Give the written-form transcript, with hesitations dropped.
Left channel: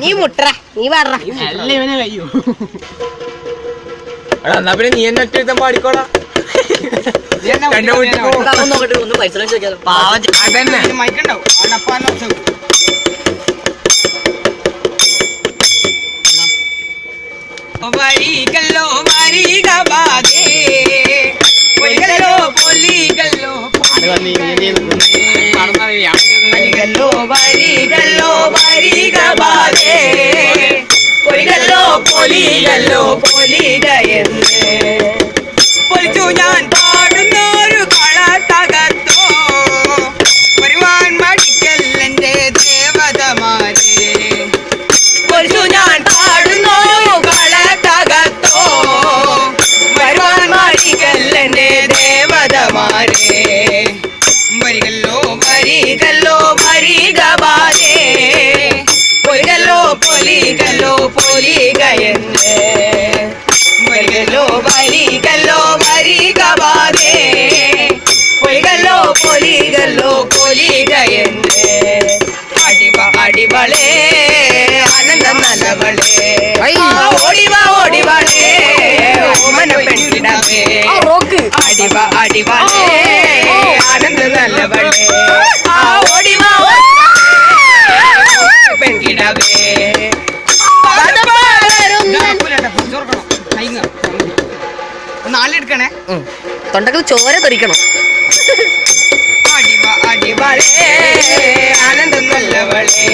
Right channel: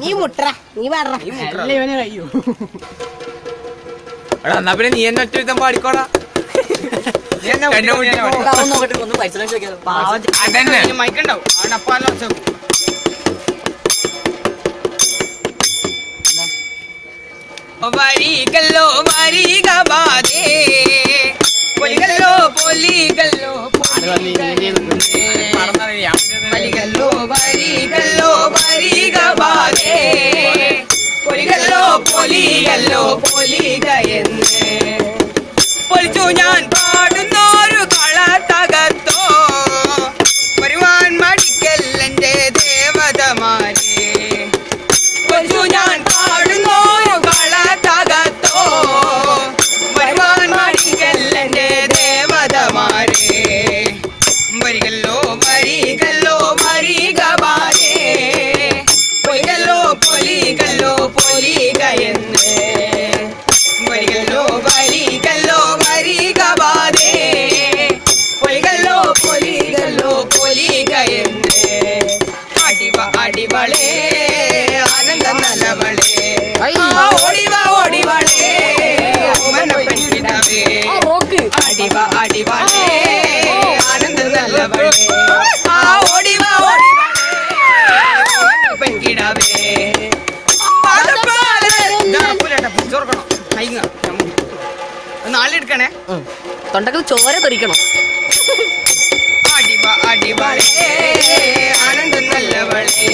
നീ മുട്ട നീ പാട എന്നാ പിന്നെ നീ എന്നെ ഒറ്റ എഴുതാൻ പാടിക്കോടാ. വരികല്ലോ വരിക ബാധേ പൊലികല്ലോ പൊലികല്ലോ വരികല്ലോ വരികല്ലോ വരിക ബാധേ പൊലികല്ലോ പൊലികല്ലോ പൊലിക എന്ന് പൊലിച്ചു ഞാൻ പാടുന്നൊരു കളക്കകത്തോ വരുവാൻ മടിക്കല്ലെന്റെ ദേവതമാരെ പൊലിച്ചു ഞാൻ പാടുന്നൊരു കളക്കകത്തോ വരുവാൻ മടിക്കല്ലെന്റെ ദേവതമാരെ വരികല്ലോ വരികല്ലോ വരിക ബാലേ പൊലികല്ലോ പൊലികല്ലോ പൊലിക എന്ന് വരികല്ലോ വരികല്ലോ വരിക ബാലേ പൊലികല്ലോ പൊലികല്ലോ പൊലിക എന്ന് അടിവളേ ആനന്ദ നല്ലവളേ ഓടിവാളേ ഓമന പെൺകിടമേ അടിവളേ ആനന്ദ നല്ലവളേ ഓടിവാ പെൺകിടമേ നാലെടുക്കണേ തൊണ്ടക്ക് ചോര തെറിക്കണം അടിവളേ ആനന്ദം നല്ലവളേ